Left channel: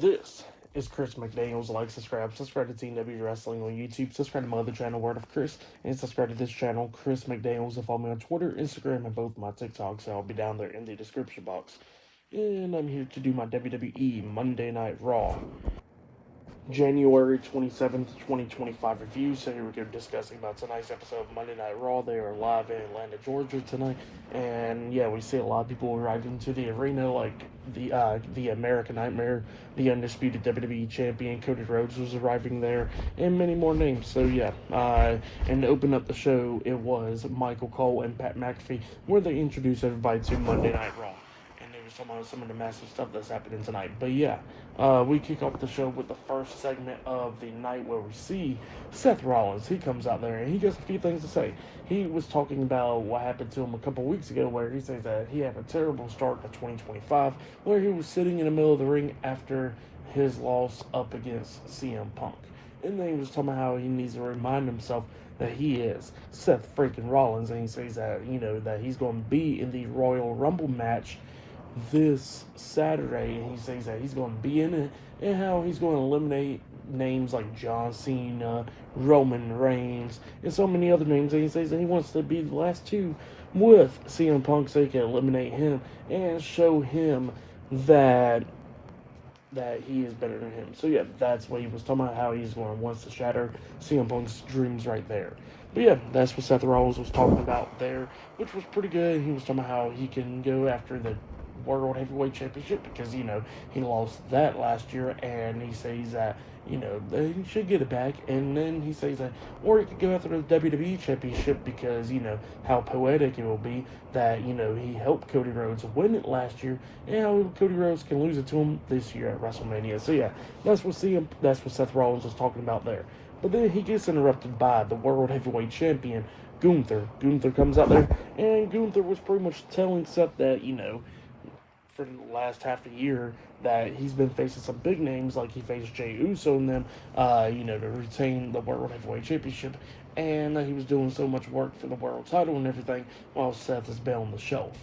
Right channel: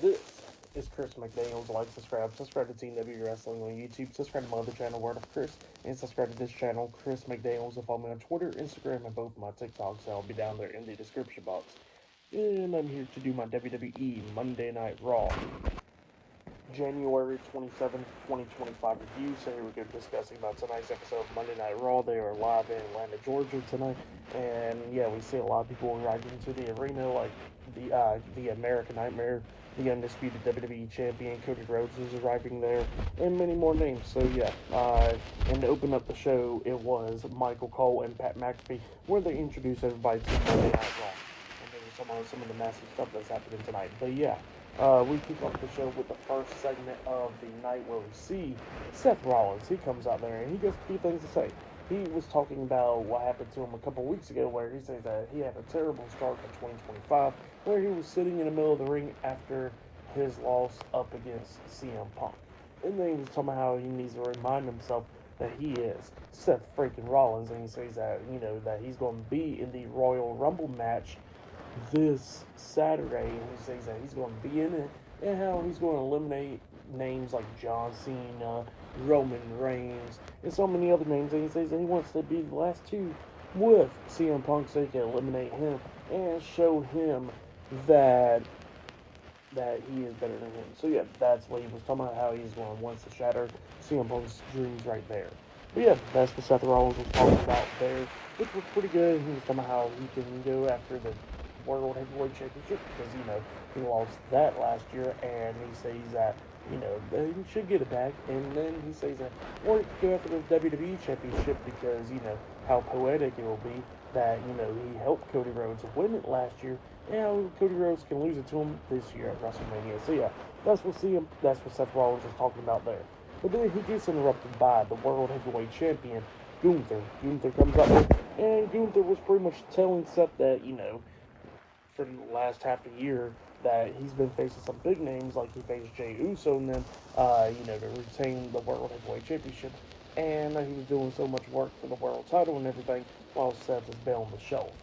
This is Chris McDaniels. Like, subscribe to Team W Wrestling on YouTube, subscribe to my other channel, Word of Chris, and subscribe to this channel, Chris McDaniels, and follow me on Twitter, Instagram, and both my TikToks. So I'll be down there in the description box. And I'm here to do my WWE Monday Night Raw January 27th, 2025 review. So here we go discussing about tonight's episode of Monday Night Raw. They are live in Atlanta, Georgia tonight. And yeah, we see a lot of people arriving to the arena, like the American Nightmare, the undisputed WWE champion Cody Rhodes was arriving there, and many more names. So yeah, and to open up the show, it was Michael Cole and Pat McAfee, where they introduced everybody to Monday Night Raw. And they were talking about some of the massive stuff that's happening tonight. But yeah, we kick off the show with the first segment of the night where we see Seth Rollins. He comes out there and he has a few things to say. He was talking about what happened to him a couple weeks ago, where he says that he had a terrible start to 2025, where he was sitting in the middle of the ring after his loss up against CM Punk. And then he was talking about how he needs to remind himself that he is Seth freaking Rollins, and he says that, that he's going to be in the Royal Rumble match this Saturday, and he says that he's going to be in it, and how he's going to eliminate names like John Cena, Roman Reigns, and so many other names. And he says that he wants to be the last two with CM Punk so he can eliminate him and show him that he is better than him. So yeah, that's what he was talking about, how he's going to wants to shatter CM Punk's dreams right there. But yeah, that's what Seth Rollins was talking about there, which was pretty good. And he was talking about how he can go after the World Heavyweight Championship because, he lost that last year, and he says that, he should get it back. And then he says that, or he could go after the WWE Championship because, how poetic it will be that, he helped Cody Rhodes win it last year, and how Cody Rhodes can lose it to him this year at WrestleMania. So yeah, that's what Seth Rollins was talking about there. But then he gets interrupted by the World Heavyweight Champion, Gunther. Gunther comes out there, and Gunther was pretty much telling Seth that, for the last half a year, that he's been facing some big names, like he faced Jey Uso and them, to retain the World Heavyweight Championship, and he was doing so much work for the world title and everything, while Seth has been on the shelf.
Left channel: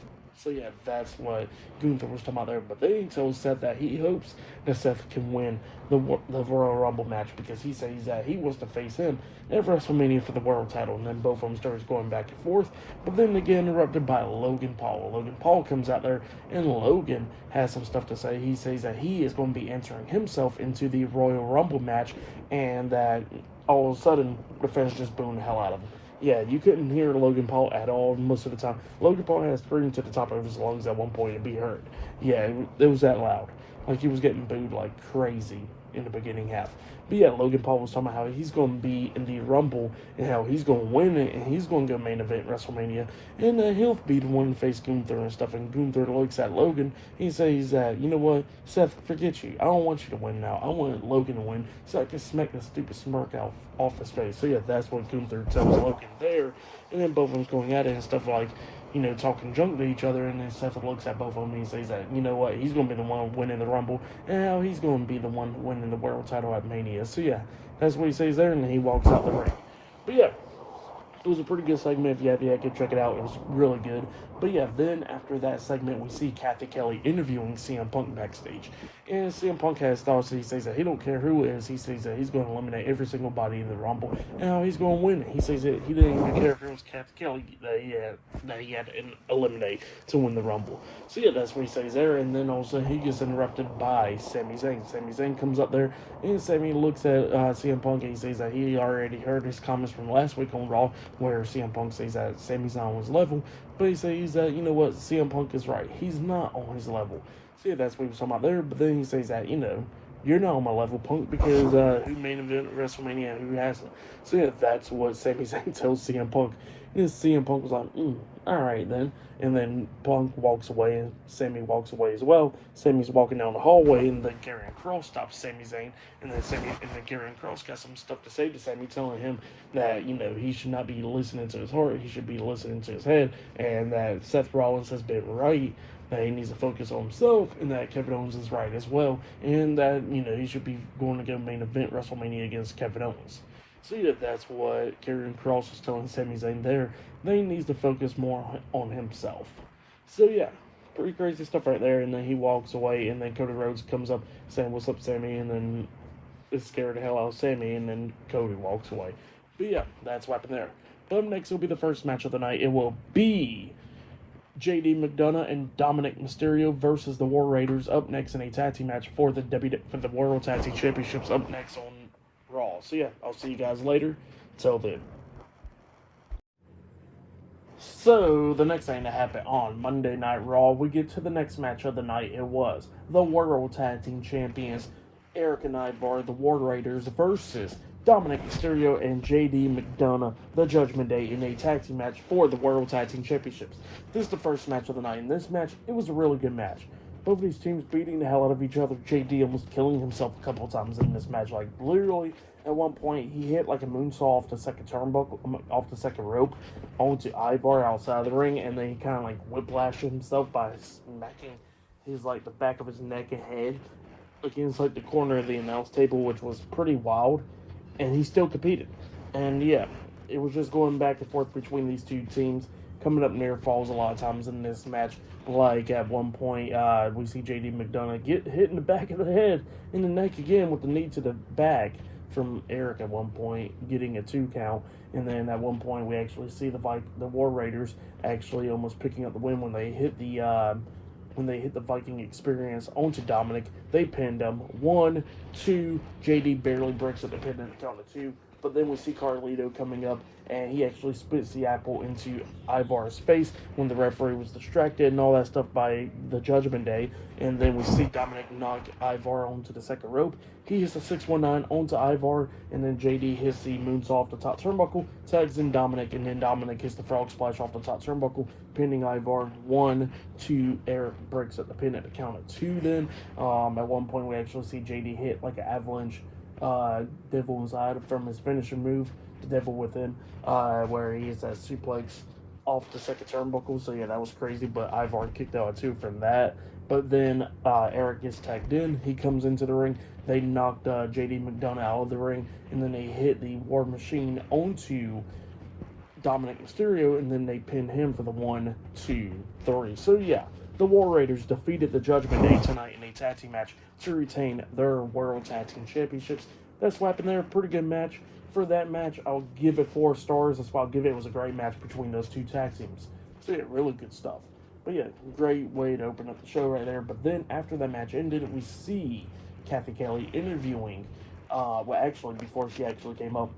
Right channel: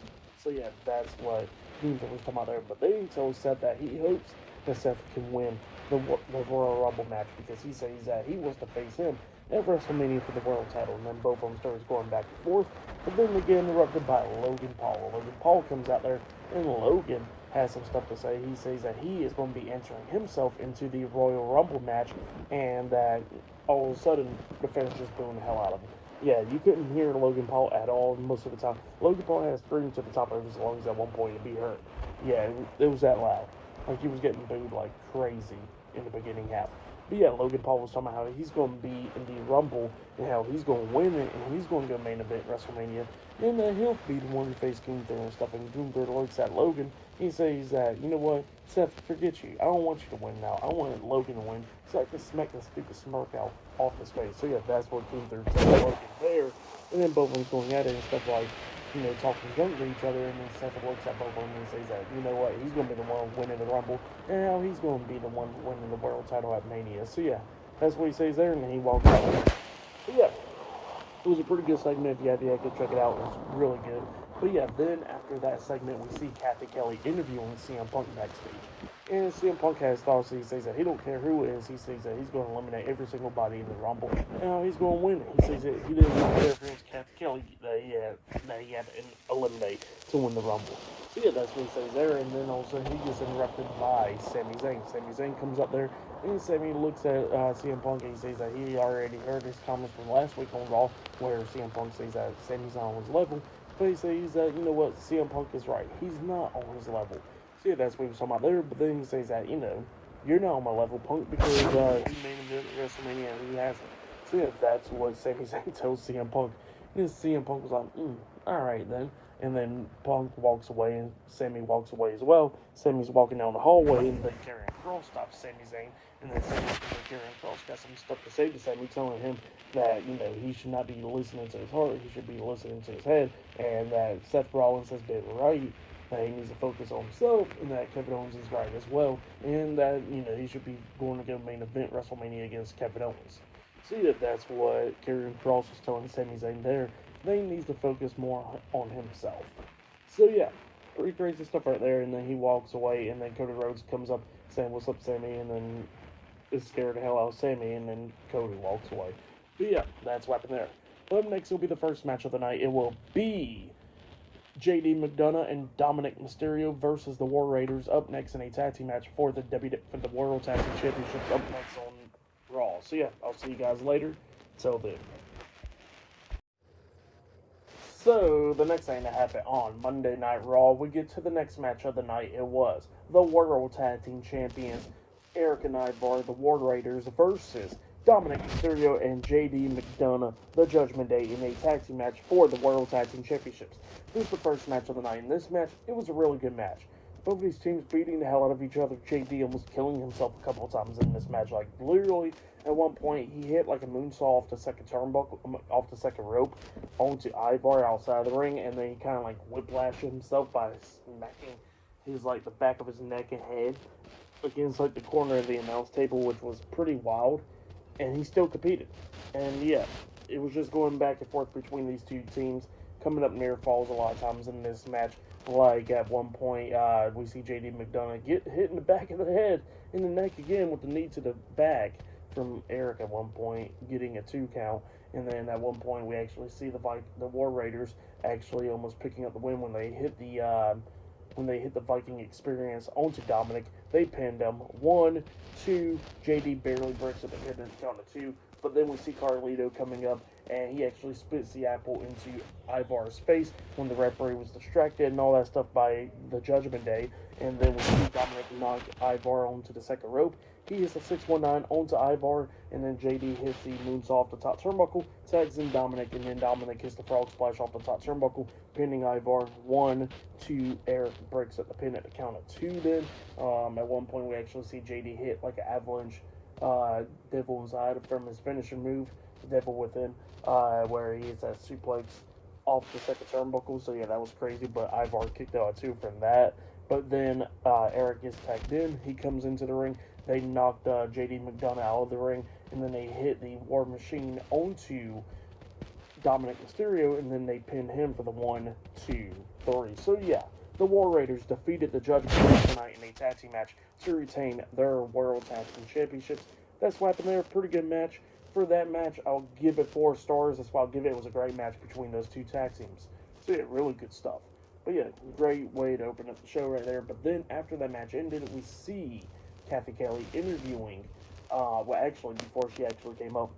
So yeah, that's what Gunther was talking about there. But they told Seth that he hopes that Seth can win the Royal Rumble match because he says that he wants to face him at WrestleMania for the world title. And then both of them starts going back and forth. But then they get interrupted by Logan Paul. Logan Paul comes out there, and Logan has some stuff to say. He says that he is going to be entering himself into the Royal Rumble match, and that all of a sudden the fans just booing the hell out of him. Yeah, you couldn't hear Logan Paul at all most of the time. Logan Paul had screamed to the top of his lungs at one point to be heard. Yeah, it was that loud. Like, he was getting booed like crazy in the beginning half. But yeah, Logan Paul was talking about how he's going to be in the Rumble and how he's going to win it, and he's going to go main event WrestleMania, and he'll be the one to face Gunther and stuff. And Gunther looks at Logan. He says that, you know what, Seth, forget you. I don't want you to win now. I want Logan to win so I can smack the stupid smirk out off his face. So yeah, that's what Gunther tells Logan there. And then both of them going at it and stuff like, talking junk to each other, and then Seth looks at both of them and says that, you know what, he's going to be the one winning the Rumble, and now he's going to be the one winning the world title at Mania. So yeah, that's what he says there, and then he walks out the ring. But yeah, it was a pretty good segment. If you have yet, go check it out. It was really good. But yeah, then after that segment, we see Kathy Kelly interviewing CM Punk backstage. And CM Punk has thoughts. He says that he don't care who it is. He says that he's going to eliminate every single body in the Rumble, and how he's going to win it. He says that he didn't even care if it was Kathy Kelly that he had to eliminate to win the Rumble. So yeah, that's what he says there. And then also he gets interrupted by Sami Zayn. Sami Zayn comes up there, and Sami looks at CM Punk, and he says that he already heard his comments from last week on Raw, where CM Punk says that Sami's not on his level. But he says that, you know what, CM Punk is right. He's not on his level. So yeah, that's what he was talking about there. But then he says that, you're not on my level, Punk, because who main event WrestleMania and who hasn't. So yeah, that's what Sami Zayn tells CM Punk. And then CM Punk was like, alright then. And then Punk walks away, and Sami walks away as well. Sami's walking down the hallway, and then Karrion Kross stops Sami Zayn. And then Karrion Kross got some stuff to say to Sami, telling him that, he should not be listening to his heart, he should be listening to his head, and that Seth Rollins has been right, that he needs to focus on himself, and that Kevin Owens is right as well, and that, he should be going to go main event WrestleMania against Kevin Owens. So yeah, that's what Karrion Kross was telling Sami Zayn there. They needs to focus more on himself. So yeah, pretty crazy stuff right there. And then he walks away, and then Cody Rhodes comes up saying, "What's up, Sammy?" And then is scared the hell out of Sammy, and then Cody walks away. But yeah, that's what happened there. But up next will be the first match of the night. It will be JD McDonough and Dominic Mysterio versus the War Raiders up next in a tag team match for the World Tag Team Championships up next on Raw. So yeah, I'll see you guys later. Till then. So, the next thing that happened on Monday Night Raw, we get to the next match of the night. It was the World Tag Team Champions, Eric and Ivar, the War Raiders, versus Dominic Mysterio and JD McDonough, the Judgment Day, in a tag team match for the World Tag Team Championships. This is the first match of the night. In this match, it was a really good match. Both of these teams beating the hell out of each other. JD almost killing himself a couple of times in this match. Like, literally, at one point, he hit like a moonsault off the second turnbuckle, off the second rope, onto Ivar outside of the ring, and then he kind of like whiplashed himself by smacking his like the back of his neck and head against like the corner of the announce table, which was pretty wild. And he still competed. And yeah, it was just going back and forth between these two teams, coming up near falls a lot of times in this match. Like at one point, we see JD McDonough get hit in the back of the head, in the neck again with the knee to the back from Eric at one point, getting a 2 count. And then at one point, we actually see the War Raiders actually almost picking up the win when they hit the Viking Experience onto Dominic. They pinned him. 1, 2. JD barely breaks up the pin at the count of 2. But then we see Carlito coming up, and he actually spits the apple into Ivar's face when the referee was distracted and all that stuff by the Judgment Day. And then we see Dominic knock Ivar onto the second rope. He hits a 619 onto Ivar, and then JD hits the moonsault off the top turnbuckle, tags in Dominic, and then Dominic hits the frog splash off the top turnbuckle, pinning Ivar. 1, 2. Eric breaks up the pin at the count of 2 then. At one point, we actually see JD hit like an avalanche Devil Inside from his finisher move, the Devil Within, where he hits that suplex off the second turnbuckle. So yeah, that was crazy, but Ivar kicked out too from that. But then Eric gets tagged in. He comes into the ring. They knocked JD McDonough out of the ring, and then they hit the War Machine onto Dominic Mysterio, and then they pinned him for the 1, 2, 3. So yeah, the War Raiders defeated the Judgment Day tonight in a tag team match to retain their World Tag Team Championships. That's what happened there. Pretty good match. For that match, I'll give it 4 stars. That's why I'll give it. It was a great match between those two tag teams. So yeah, really good stuff. But yeah, great way to open up the show right there. But then after that match ended, we see Kathy Kelly interviewing, actually, before she actually came up,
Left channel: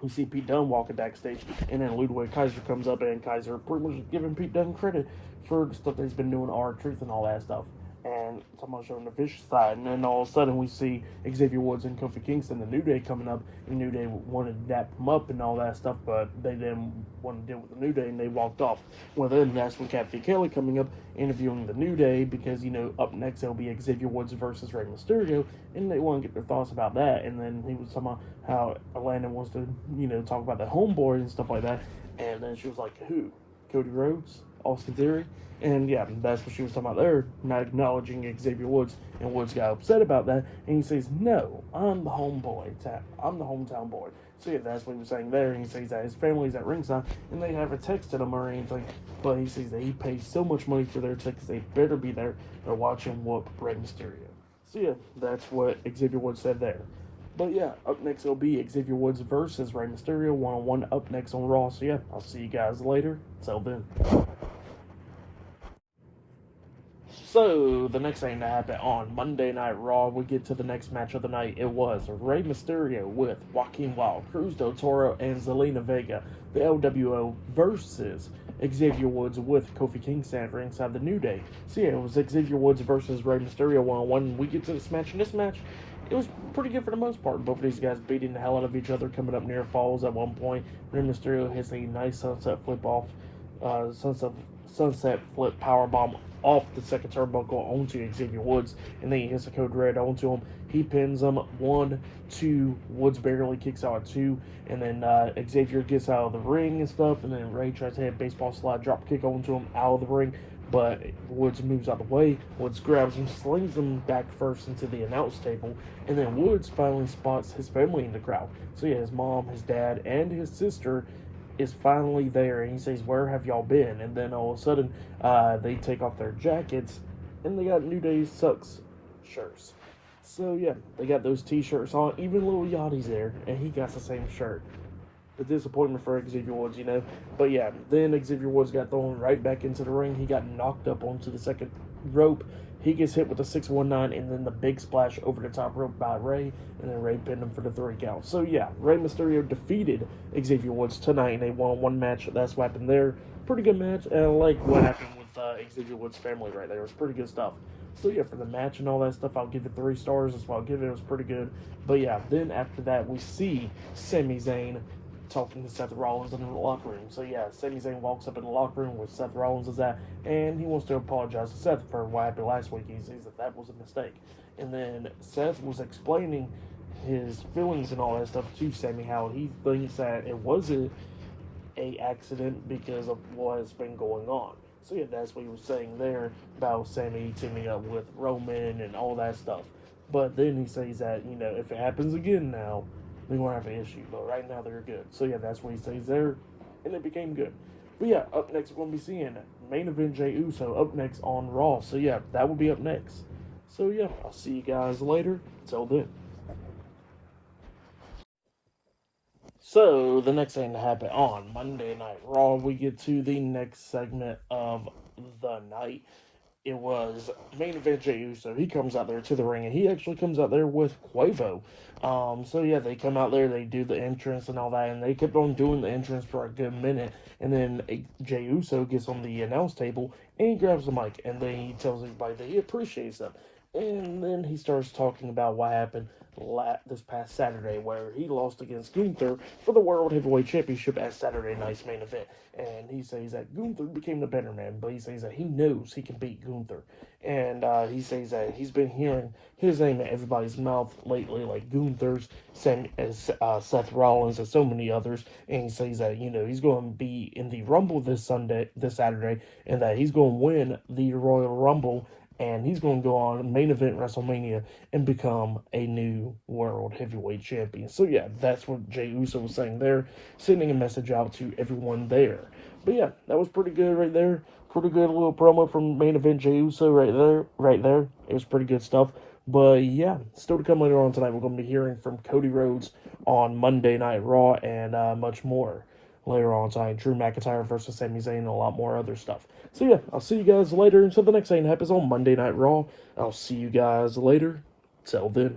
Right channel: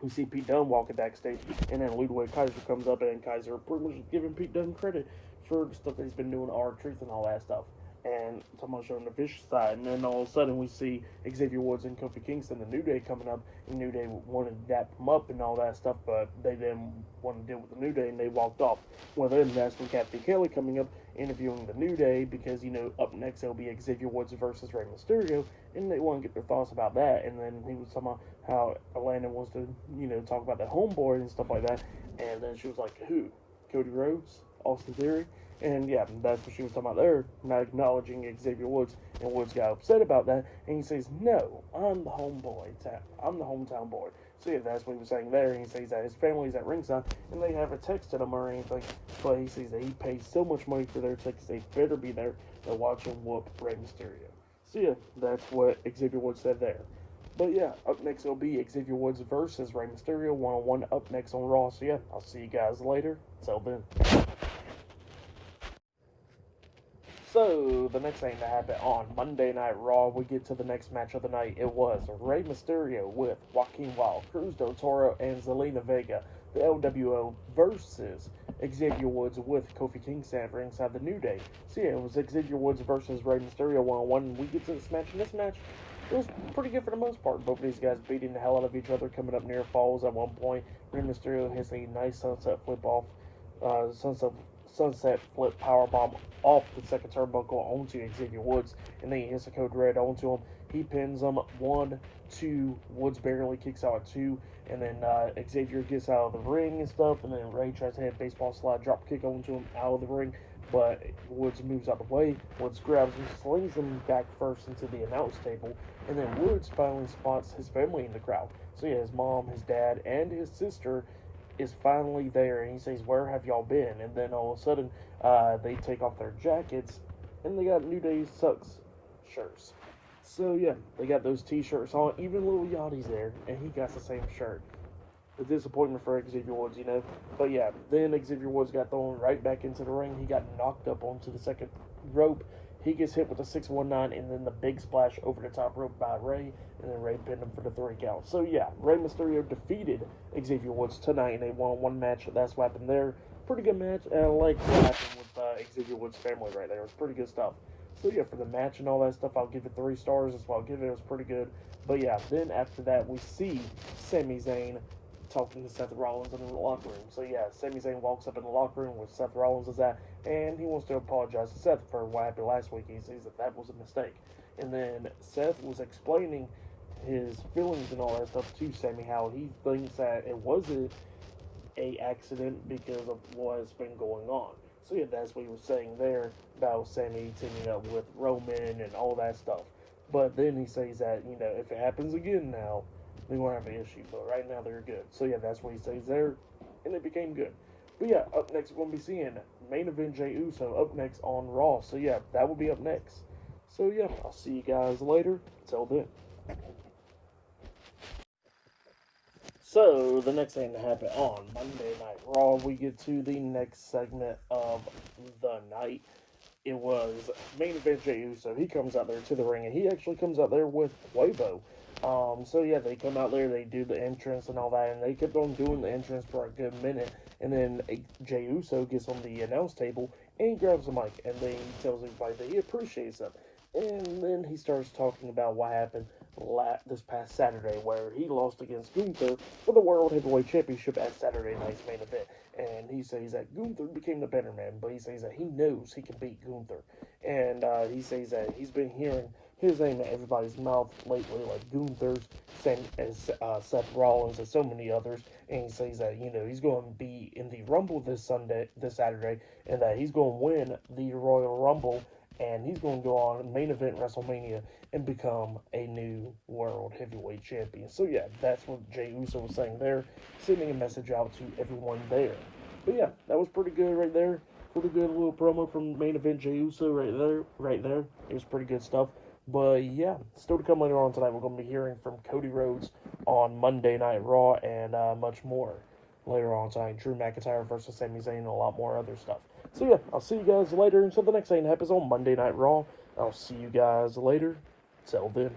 we see Pete Dunne walking backstage, and then Ludwig Kaiser comes up, and Kaiser pretty much giving Pete Dunne credit for the stuff that he's been doing, R-Truth and all that stuff, and someone showing the vicious side. And then all of a sudden we see Xavier Woods and Kofi Kingston, the New Day, coming up, and New Day wanted to dap them up and all that stuff, but they didn't want to deal with the New Day, and they walked off. Well, then that's when Kathy Kelly coming up, interviewing the New Day, because, you know, up next it'll be Xavier Woods versus Rey Mysterio, and they want to get their thoughts about that. And then he was talking about how Atlanta wants to, you know, talk about the homeboy and stuff like that. And then she was like, who? Cody Rhodes? Austin Theory? And yeah, that's what she was talking about there, not acknowledging Xavier Woods. And Woods got upset about that, and he says, no, I'm the homeboy. I'm the hometown boy. So yeah, that's what he was saying there. And he says that his family's at ringside, and they haven't texted him or anything. But he says that he pays so much money for their tickets, they better be there or watch him whoop Rey Mysterio. So yeah, that's what Xavier Woods said there. But yeah, up next it'll be Xavier Woods versus Rey Mysterio, one-on-one up next on Raw. So yeah, I'll see you guys later. Till then. So, the next thing that happened on Monday Night Raw, we get to the next match of the night. It was Rey Mysterio with Joaquin Wilde, Cruz del Toro, and Zelina Vega, the LWO, versus Xavier Woods with Kofi Kingston ringside the New Day. So yeah, it was Xavier Woods versus Rey Mysterio one-on-one. We get to this match, and this match, it was pretty good for the most part. Both of these guys beating the hell out of each other, coming up near falls at one point. Rey Mysterio hits a nice sunset flip off, sunset flip powerbomb off the second turnbuckle onto Xavier Woods, and then he hits a code red onto him. He pins him. 1, 2. Woods barely kicks out at 2, and then Xavier gets out of the ring and stuff, and then Ray tries to hit a baseball slide drop kick onto him out of the ring, but Woods moves out of the way. Woods grabs him, slings him back first into the announce table, and then Woods finally spots his family in the crowd. So yeah, his mom, his dad, and his sister is finally there, and he says, "Where have y'all been?" And then all of a sudden, they take off their jackets, and they got New Day Sucks shirts. So yeah, they got those T-shirts on. Even Lil Yachty's there, and he got the same shirt. The disappointment for Xavier Woods, you know. But yeah, then Xavier Woods got thrown right back into the ring. He got knocked up onto the second rope. He gets hit with a 619, and then the big splash over the top rope by Rey, and then Rey pinned him for the 3 count. So yeah, Rey Mysterio defeated Xavier Woods tonight in a one-on-one match. That's what happened there. Pretty good match, and I like what happened with Xavier Woods' family right there. It was pretty good stuff. So yeah, for the match and all that stuff, I'll give it 3 stars. That's what I'll give it. It was pretty good. But yeah, then after that, we see Sami Zayn talking to Seth Rollins in the locker room. So yeah, Sami Zayn walks up in the locker room where Seth Rollins is at, and he wants to apologize to Seth for what happened last week. He says that was a mistake. And then Seth was explaining his feelings and all that stuff to Sami, how he thinks that it wasn't a accident because of what has been going on. So yeah, that's what he was saying there about Sami teaming up with Roman and all that stuff. But then he says that, you know, if it happens again now, they won't have an issue. But right now they're good. So yeah, that's what he says there, and it became good. But yeah, up next we're gonna be seeing main event Jey Uso up next on Raw. So yeah, that will be up next. So yeah, I'll see you guys later. Until then. So the next thing to happen on Monday Night Raw, we get to the next segment of the night. It was main event Jey Uso. He comes out there to the ring, and he actually comes out there with Quavo. So yeah, they come out there, they do the entrance and all that, and they kept on doing the entrance for a good minute. And then Jey Uso gets on the announce table and he grabs the mic, and then he tells everybody that he appreciates them. And then he starts talking about what happened this past Saturday, where he lost against Gunther for the World Heavyweight Championship at Saturday night's main event. And he says that Gunther became the better man, but he says that he knows he can beat Gunther. And he says that he's been hearing his name in everybody's mouth lately, like Gunther's, same as Seth Rollins, and so many others. And he says that, you know, he's going to be in the Rumble this Saturday, and that he's going to win the Royal Rumble, and he's going to go on main event WrestleMania and become a new World Heavyweight Champion. So yeah, that's what Jey Uso was saying there, sending a message out to everyone there. But yeah, that was pretty good right there. Pretty good little promo from main event Jey Uso right there. It was pretty good stuff. But yeah, still to come later on tonight, we're going to be hearing from Cody Rhodes on Monday Night Raw, and much more later on tonight. Drew McIntyre versus Sami Zayn, and a lot more other stuff. So yeah, I'll see you guys later until the next thing happens on Monday Night Raw. I'll see you guys later. Till then.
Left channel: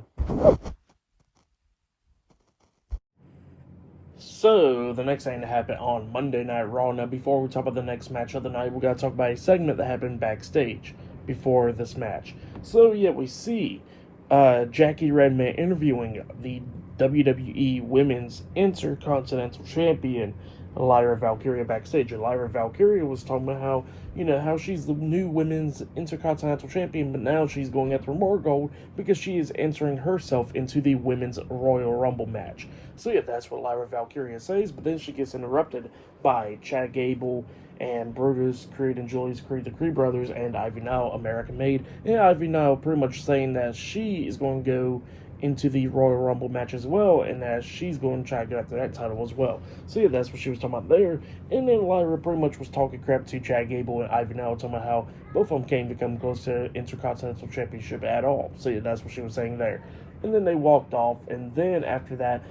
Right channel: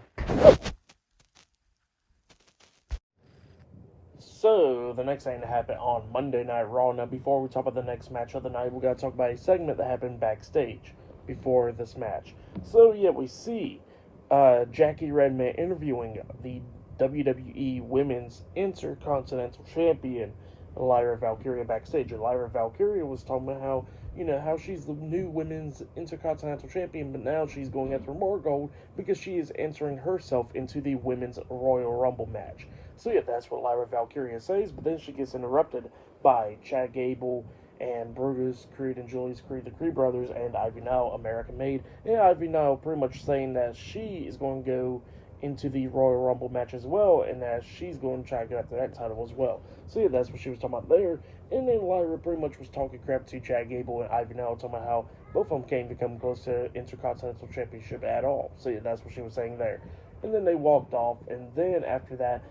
So, the next thing to happen on Monday Night Raw. Now, before we talk about the next match of the night, we got to talk about a segment that happened backstage before this match. So, yeah, we see Jackie Redman interviewing the WWE Women's Intercontinental Champion, Lyra Valkyria, backstage. And Lyra Valkyria was talking about how, you know, how she's the new Women's Intercontinental Champion, but now she's going after more gold because she is entering herself into the Women's Royal Rumble match. So yeah, that's what Lyra Valkyria says, but then she gets interrupted by Chad Gable and Brutus, Creed and Julius Creed, the Creed brothers, and Ivy Nile, American Made. And Ivy Nile pretty much saying that she is going to go into the Royal Rumble match as well, and that she's going to try to get after that title as well. So yeah, that's what she was talking about there. And then Lyra pretty much was talking crap to Chad Gable and Ivy Nile, talking about how both of them can't become close to Intercontinental Championship at all. So yeah, that's what she was saying there. And then they walked off, and then after that,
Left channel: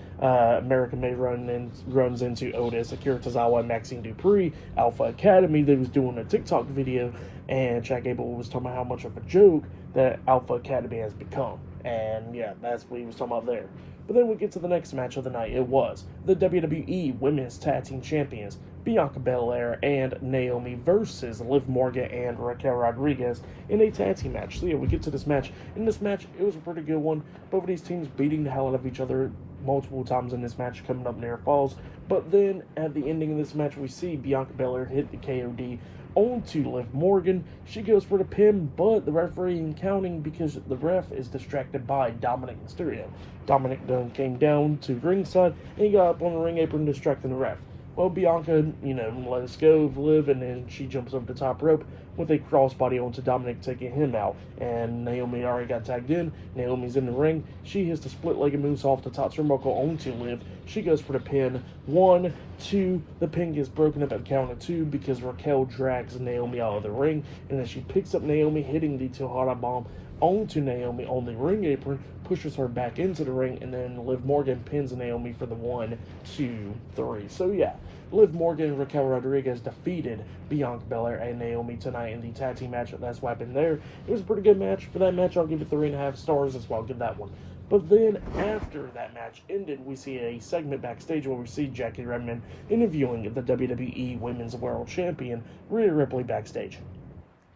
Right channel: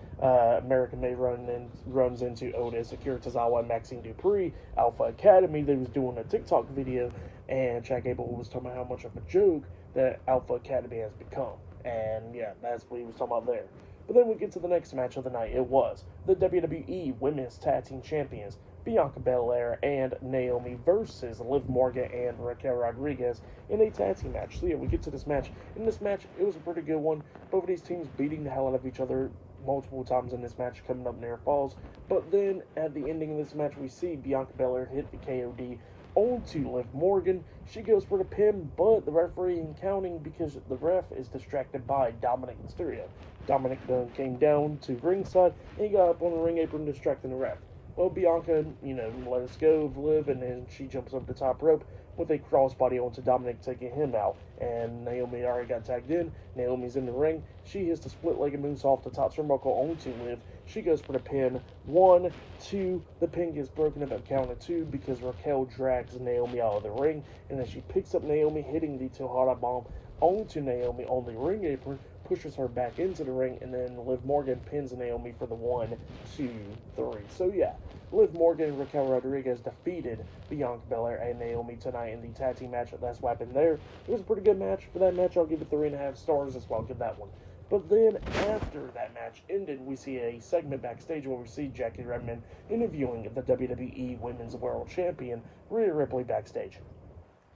American Made runs into Otis, Akira Tozawa, and Maxine Dupree, Alpha Academy. They was doing a TikTok video, and Chad Gable was talking about how much of a joke that Alpha Academy has become. And yeah, that's what he was talking about there. But then we get to the next match of the night. It was the WWE Women's Tag Team Champions, Bianca Belair and Naomi versus Liv Morgan and Raquel Rodriguez in a tag team match. So yeah, we get to this match. In this match, it was a pretty good one. Both of these teams beating the hell out of each other multiple times in this match, coming up near falls. But then at the ending of this match, we see Bianca Belair hit the KOD onto Liv Morgan. She goes for the pin, but the referee ain't counting because the ref is distracted by Dominic Mysterio. Dominic then came down to ringside and he got up on the ring apron, distracting the ref. Well, Bianca, let us go, Liv, and then she jumps over the top rope with a crossbody onto Dominic, taking him out. And Naomi already got tagged in. Naomi's in the ring. She hits the split-legged moonsault to top turnbuckle onto Liv. She goes for the pin. 1, 2. The pin gets broken up at count of 2 because Raquel drags Naomi out of the ring, and then she picks up Naomi, hitting the Tejada bomb onto Naomi on the ring apron, pushes her back into the ring, and then Liv Morgan pins Naomi for the 1, 2, 3. So yeah, Liv Morgan and Raquel Rodriguez defeated Bianca Belair and Naomi tonight in the tag team match. That's what happened there. It was a pretty good match. For that match, I'll give it 3.5 stars. That's why I'll give that one. But then, after that match ended, we see a segment backstage where we see Jackie Redmond interviewing the WWE Women's World Champion, Rhea Ripley, backstage.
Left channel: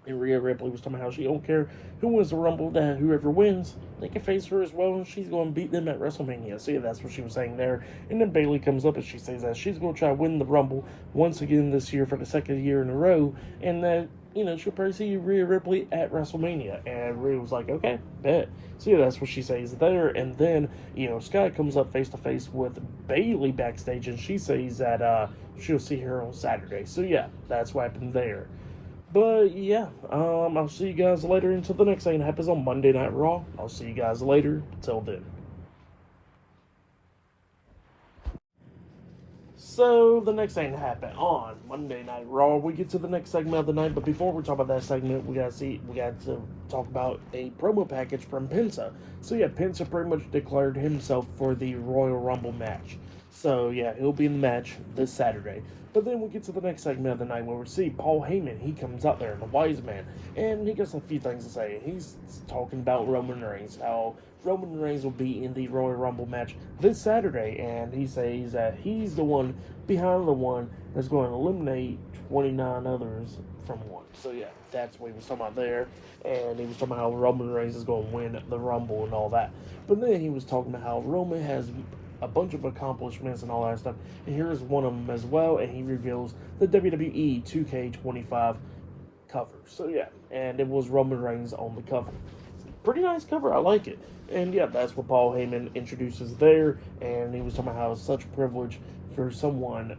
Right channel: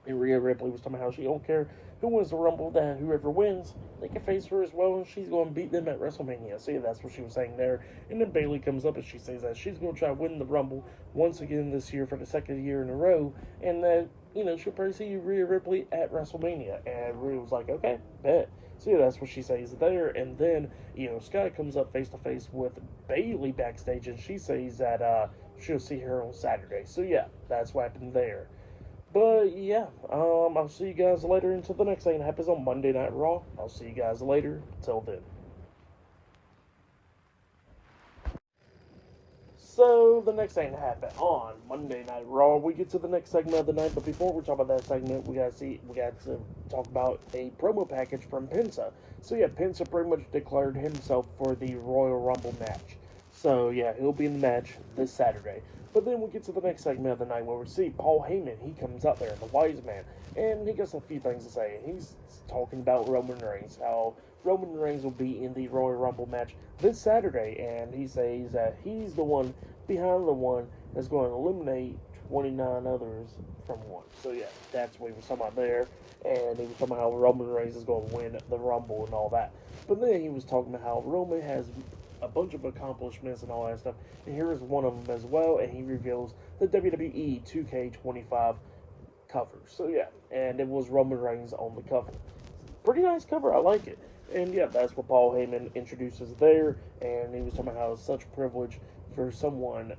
And Rhea Ripley was talking about how she don't care who wins the Rumble, that whoever wins, they can face her as well, and she's going to beat them at WrestleMania. So yeah, that's what she was saying there. And then Bayley comes up and she says that she's going to try to win the Rumble once again this year for the second year in a row, and that, she'll probably see Rhea Ripley at WrestleMania. And Rhea was like, okay, bet. So yeah, that's what she says there. And then, Sky comes up face to face with Bayley backstage, and she says that she'll see her on Saturday. So yeah, that's what happened there. But yeah, I'll see you guys later until the next thing that happens on Monday Night Raw. I'll see you guys later. Till then. So the next thing that happened on Monday Night Raw, we get to the next segment of the night. But before we talk about that segment, we got to talk about a promo package from Penta. So yeah, Penta pretty much declared himself for the Royal Rumble match. So yeah, he'll be in the match this Saturday. But then we get to the next segment of the night where we see Paul Heyman. He comes out there, the wise man, and he got a few things to say. He's talking about Roman Reigns, how Roman Reigns will be in the Royal Rumble match this Saturday, and he says that he's the one behind the one that's going to eliminate 29 others from one. So yeah, that's what he was talking about there, and he was talking about how Roman Reigns is going to win the Rumble and all that. But then he was talking about how Roman has a bunch of accomplishments and all that stuff, and here is one of them as well, and he reveals the WWE 2K25 cover. So yeah, and it was Roman Reigns on the cover. Pretty nice cover, I like it. And yeah, that's what Paul Heyman introduces there, and he was talking about how it's such a privilege for someone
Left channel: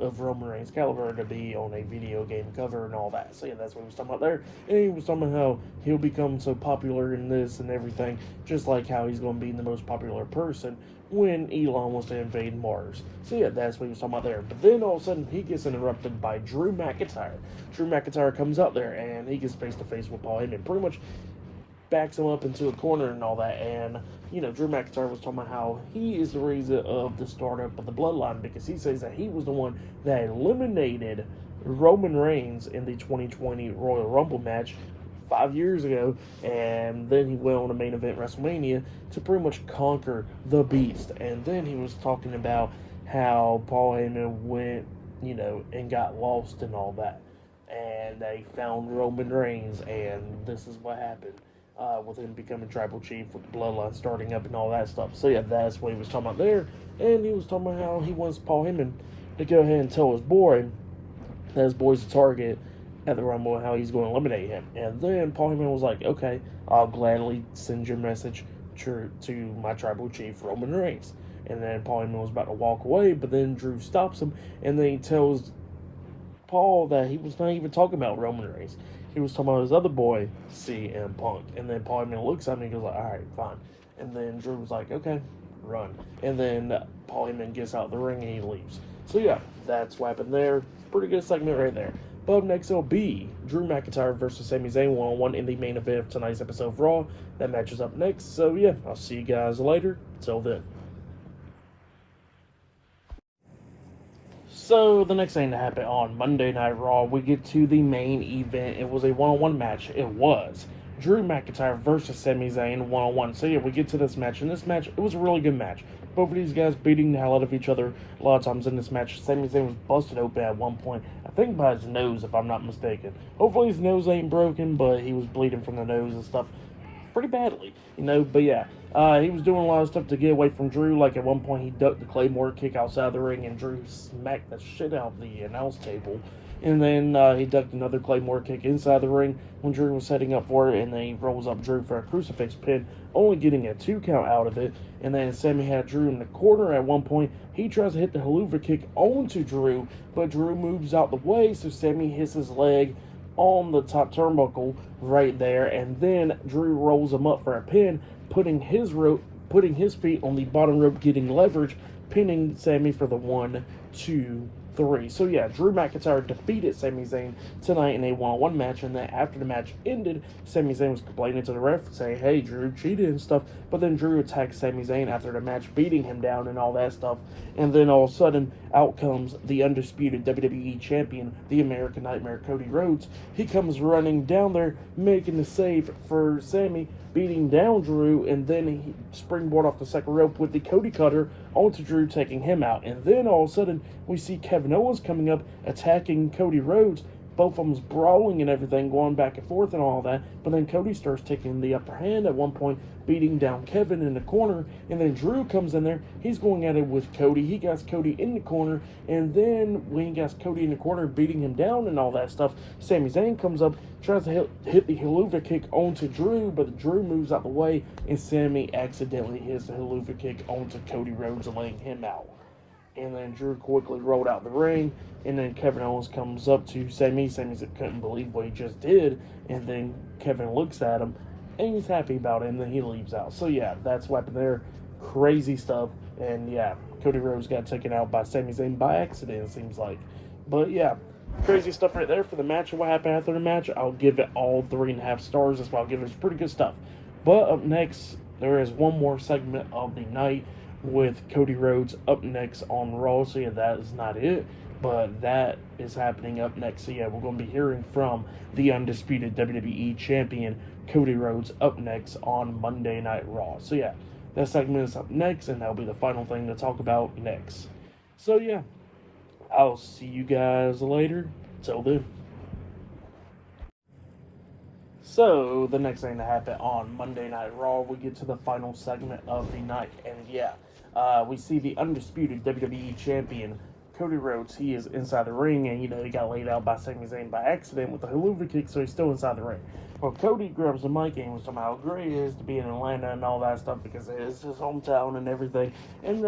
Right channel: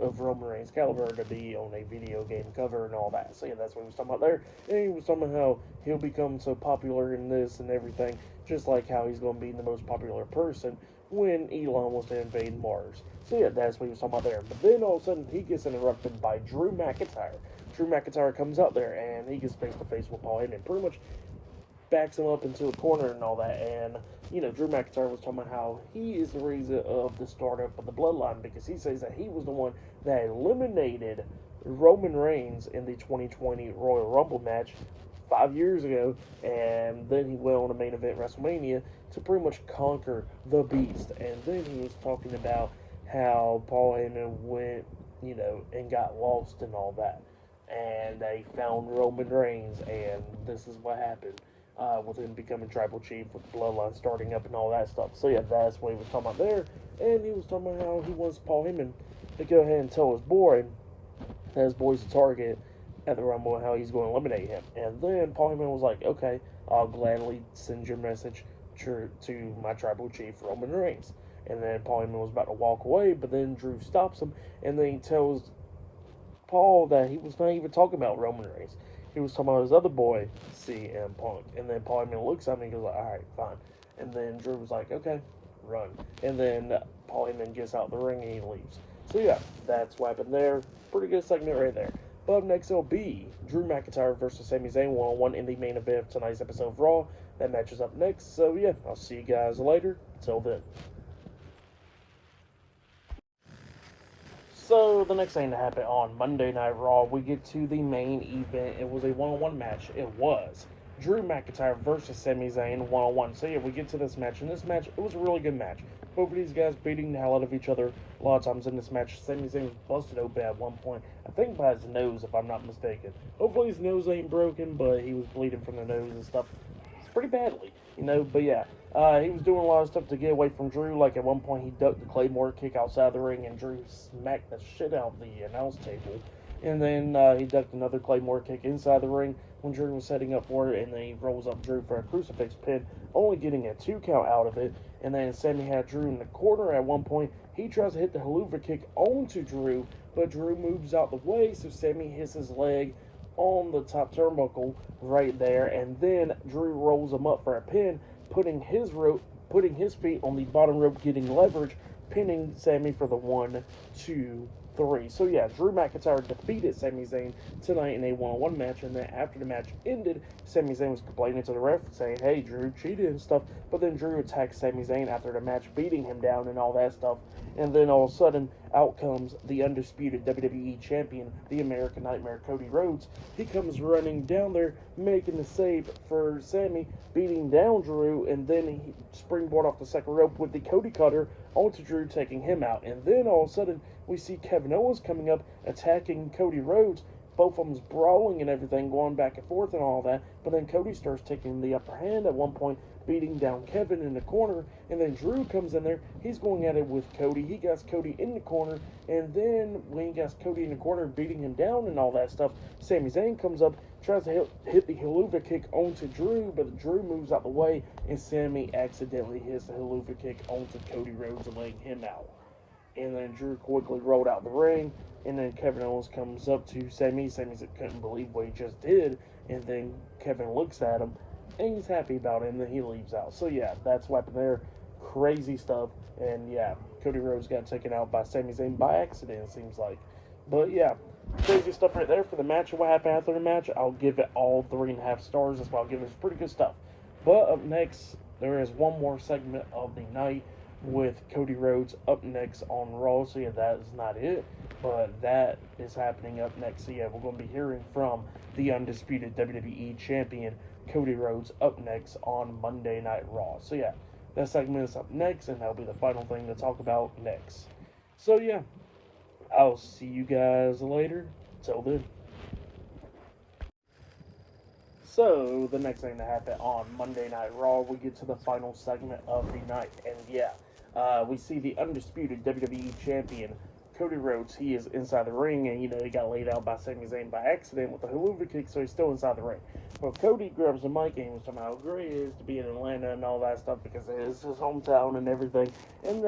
of Roman Reigns' caliber to be on a video game cover and all that. So yeah, that's what he was talking about there. And he was talking about how he'll become so popular in this and everything, just like how he's going to be the most popular person when Elon wants to invade Mars. So yeah, that's what he was talking about there. But then all of a sudden, he gets interrupted by Drew McIntyre. Drew McIntyre comes out there, and he gets face-to-face with Paul Heyman. Pretty much backs him up into a corner and all that. And, Drew McIntyre was talking about how he is the reason of the startup of the Bloodline, because he says that he was the one that eliminated Roman Reigns in the 2020 Royal Rumble match 5 years ago, and then he went on to main event WrestleMania to pretty much conquer the Beast. And then he was talking about how Paul Heyman went, and got lost and all that, and they found Roman Reigns, and this is what happened. With him becoming tribal chief, with the bloodline starting up and all that stuff. So yeah, that's what he was talking about there. And he was talking about how he wants Paul Heyman to go ahead and tell his boy that his boy's a target at the Rumble and how he's going to eliminate him. And then Paul Heyman was like, okay, I'll gladly send your message to my tribal chief, Roman Reigns. And then Paul Heyman was about to walk away, but then Drew stops him, and then he tells Paul that he was not even talking about Roman Reigns. He was talking about his other boy, CM Punk. And then Paul Heyman looks at me and goes like, all right, fine. And then Drew was like, okay, run. And then Paul Heyman gets out the ring and he leaves. So yeah, that's what happened there. Pretty good segment right there. But up next it'll be Drew McIntyre versus Sami Zayn 1-on-1 in the main event of tonight's episode of Raw. That match is up next. So yeah, I'll see you guys later. Till then. So, the next thing that happened on Monday Night Raw, we get to the main event. It was a one-on-one match. It was Drew McIntyre versus Sami Zayn one-on-one. So, yeah, we get to this match. And this match, it was a really good match. Both of these guys beating the hell out of each other a lot of times in this match. Sami Zayn was busted open at one point. I think by his nose, if I'm not mistaken. Hopefully his nose ain't broken, but he was bleeding from the nose and stuff pretty badly, but yeah, he was doing a lot of stuff to get away from Drew. Like at one point he ducked the Claymore kick outside the ring, and Drew smacked the shit out of the announce table. and then he ducked another Claymore kick inside the ring when Drew was setting up for it, and then he rolls up Drew for a crucifix pin, only getting a 2 count out of it. And then Sammy had Drew in the corner at one point. He tries to hit the haluva kick onto Drew, but Drew moves out the way, so Sammy hits his leg on the top turnbuckle right there, and then Drew rolls him up for a pin, putting his feet on the bottom rope, getting leverage, pinning Sammy for the 1, 2, 3. So yeah, Drew McIntyre defeated Sami Zayn tonight in a one-on-one match, and then after the match ended, Sami Zayn was complaining to the ref, saying, "Hey, Drew cheated and stuff." But then Drew attacked Sami Zayn after the match, beating him down and all that stuff. And then all of a sudden, out comes the undisputed WWE champion, the American Nightmare, Cody Rhodes. He comes running down there, making the save for Sami, beating down Drew, and then he springboard off the second rope with the Cody Cutter onto Drew, taking him out. And then all of a sudden, we see Kevin Owens coming up, attacking Cody Rhodes. Both of them's brawling and everything, going back and forth and all that. But then Cody starts taking the upper hand at one point, beating down Kevin in the corner. And then Drew comes in there. He's going at it with Cody. He got Cody in the corner. And then when he got Cody in the corner, beating him down and all that stuff, Sami Zayn comes up, tries to hit the haluva kick onto Drew, but Drew moves out the way, and Sami accidentally hits the haluva kick onto Cody Rhodes, laying him out. And then Drew quickly rolled out the ring, and then Kevin Owens comes up to Sami. Sami couldn't believe what he just did, and then Kevin looks at him, and he's happy about it, and then he leaves out. So yeah, that's what happened there. Crazy stuff, and yeah, Cody Rhodes got taken out by Sami Zayn by accident, it seems like. But yeah, crazy stuff right there for the match. And what happened after the match, I'll give it all 3.5 stars. That's why I'll give it. It's pretty good stuff. But up next, there is one more segment of the night with Cody Rhodes up next on Raw. So yeah, that is not it, but that is happening up next. So yeah, we're going to be hearing from the undisputed WWE champion Cody Rhodes up next on Monday Night Raw. So yeah, that segment is up next, and that'll be the final thing to talk about next. So yeah, I'll see you guys later. Till then. So, the next thing that happened on Monday Night Raw, we get to the final segment of the night. And yeah, we see the undisputed WWE champion, Cody Rhodes. He is inside the ring, and he got laid out by Sami Zayn by accident with the haluva kick, so he's still inside the ring. Well, Cody grabs the mic and was talking about how great it is to be in Atlanta and all that stuff because it is his hometown and everything. And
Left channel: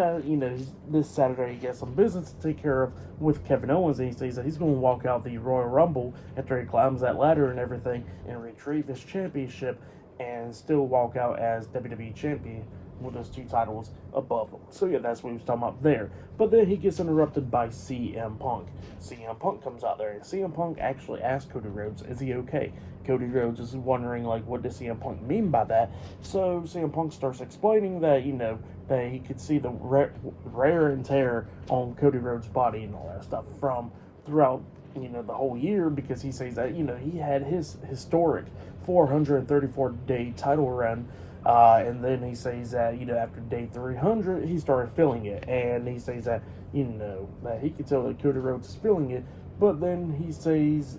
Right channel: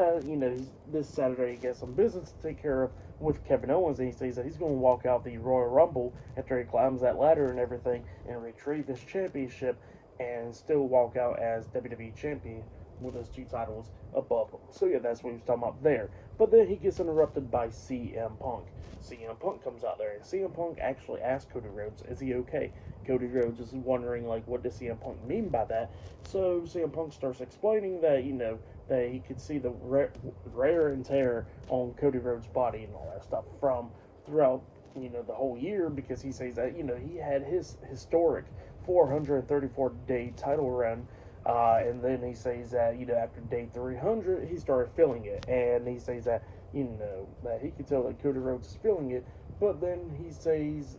this Saturday he gets some business to take care of with Kevin Owens, and he says that he's going to walk out the Royal Rumble after he climbs that ladder and everything and retrieve his championship and still walk out as WWE champion with those 2 titles above him. So yeah, that's what he was talking about there. But then he gets interrupted by CM Punk. CM Punk comes out there, and CM Punk actually asks Cody Rhodes, is he okay? Cody Rhodes is wondering, like, what does CM Punk mean by that? So CM Punk starts explaining that, that he could see the wear and tear on Cody Rhodes' body and all that stuff from throughout, the whole year, because he says that, he had his historic 434-day title run. And then he says that, after day 300, he started feeling it. And he says that, that he could tell that Cody Rhodes is feeling it. But then he says,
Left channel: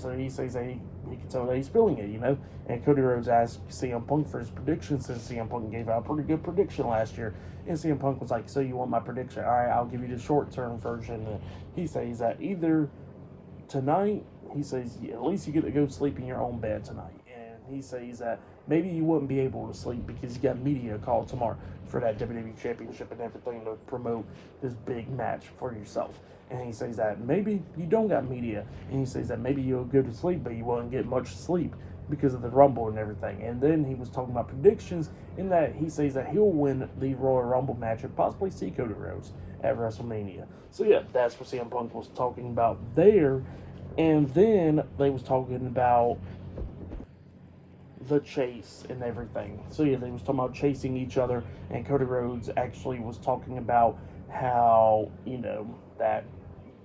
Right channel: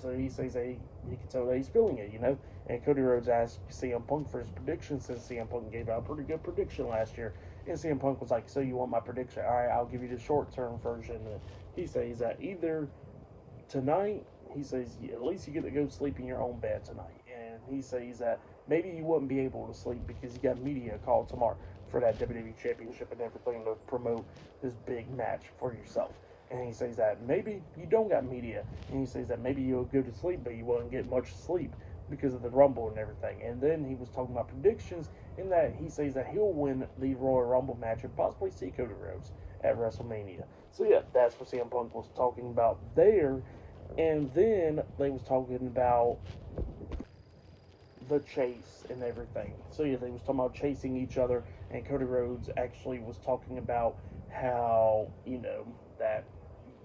so he says that he can tell that he's feeling it, And Cody Rhodes asked CM Punk for his prediction, since CM Punk gave out a pretty good prediction last year. And CM Punk was like, so you want my prediction? All right, I'll give you the short-term version. And he says that either tonight, he says, at least you get to go sleep in your own bed tonight. And he says that maybe you wouldn't be able to sleep because you got media called tomorrow for that WWE Championship and everything to promote this big match for yourself. And he says that maybe you don't got media. And he says that maybe you'll go to sleep, but you won't get much sleep because of the Rumble and everything. And then he was talking about predictions in that he says that he'll win the Royal Rumble match and possibly see Cody Rhodes at WrestleMania. So yeah, that's what CM Punk was talking about there. And then they was talking about the chase and everything. So yeah, they was talking about chasing each other, and Cody Rhodes actually was talking about how, that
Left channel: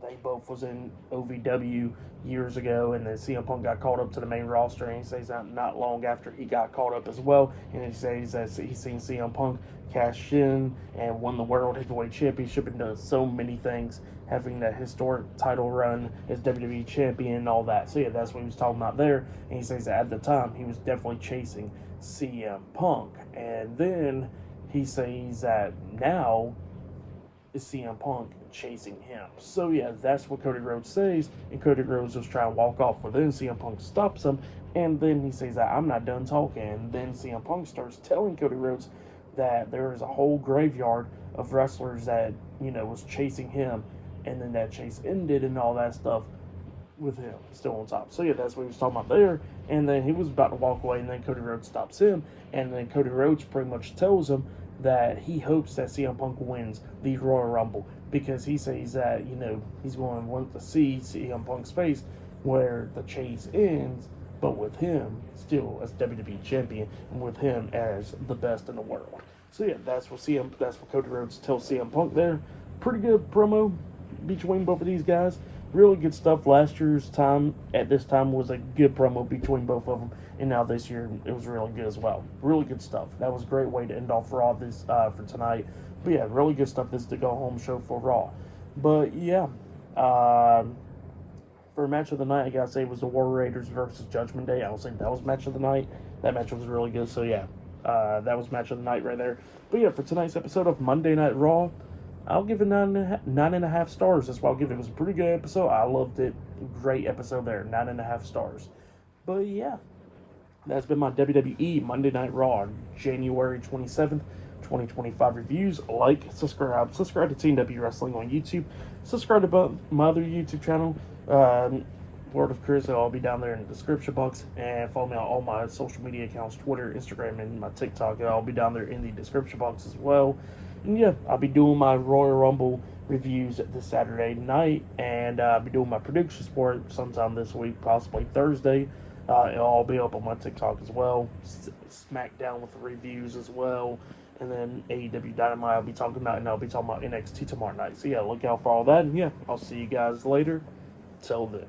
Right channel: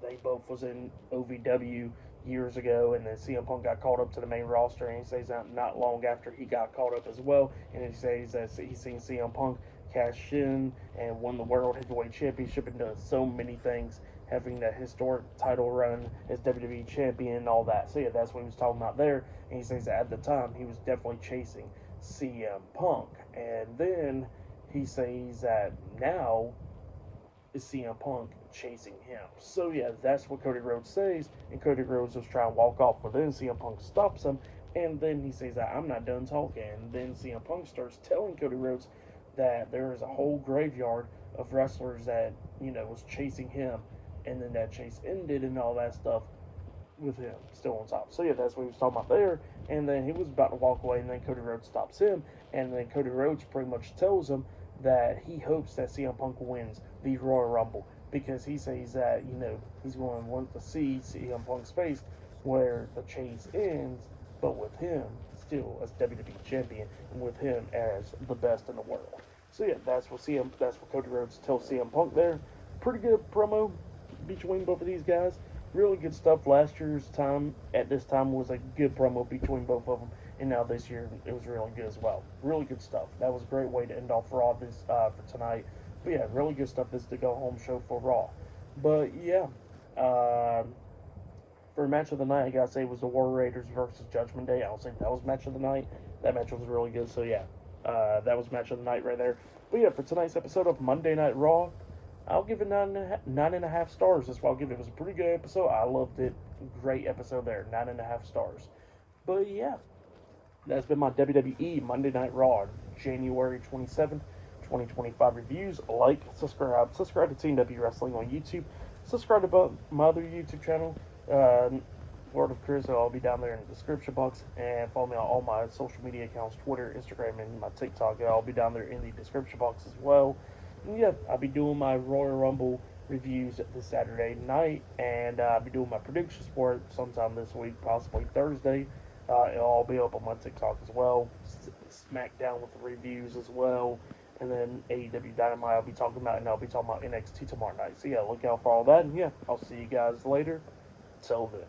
they both was in OVW years ago, and then CM Punk got called up to the main roster, and he says that not long after he got called up as well, and he says that he's seen CM Punk cash in and won the World Heavyweight Championship and done so many things, having that historic title run as WWE Champion and all that. So yeah, that's what he was talking about there, and he says that at the time he was definitely chasing CM Punk, and then he says that now is CM Punk chasing him. So yeah, that's what Cody Rhodes says, and Cody Rhodes was trying to walk off, but then CM Punk stops him, and then he says, I'm not done talking. And then CM Punk starts telling Cody Rhodes that there is a whole graveyard of wrestlers that, was chasing him, and then that chase ended and all that stuff with him still on top. So yeah, that's what he was talking about there. And then he was about to walk away, and then Cody Rhodes stops him, and then Cody Rhodes pretty much tells him that he hopes that CM Punk wins the Royal Rumble, because he says that, he's going to want to see CM Punk's face where the chase ends, but with him still as WWE champion, and with him as the best in the world. So yeah, that's what Cody Rhodes tells CM Punk there. Pretty good promo between both of these guys. Really good stuff. Last year's time at this time was a good promo between both of them, and now this year it was really good as well. Really good stuff. That was a great way to end off Raw this for tonight. But yeah, really good stuff. This is the go home show for Raw. But yeah, for match of the night, I gotta say it was the War Raiders versus Judgment Day. I would say that was match of the night. That match was really good. So yeah, that was match of the night right there. But yeah, for tonight's episode of Monday Night Raw, I'll give it 9.5 stars. That's what I'll give it. It was a pretty good episode. I loved it. Great episode there. 9.5 stars. But yeah, that's been my WWE Monday Night Raw, January 27th, 2025 reviews. Like, subscribe to Team W Wrestling on YouTube. Subscribe to my other YouTube channel, Word of Chris. I'll be down there in the description box. And follow me on all my social media accounts, Twitter, Instagram, and my TikTok. I'll be down there in the description box as well. And yeah, I'll be doing my Royal Rumble reviews this Saturday night, and I'll be doing my predictions for it sometime this week, possibly Thursday. It'll all be up on my TikTok as well. SmackDown with the reviews as well. And then AEW Dynamite I'll be talking about, and I'll be talking about NXT tomorrow night. So yeah, look out for all that. And yeah, I'll see you guys later. Till then.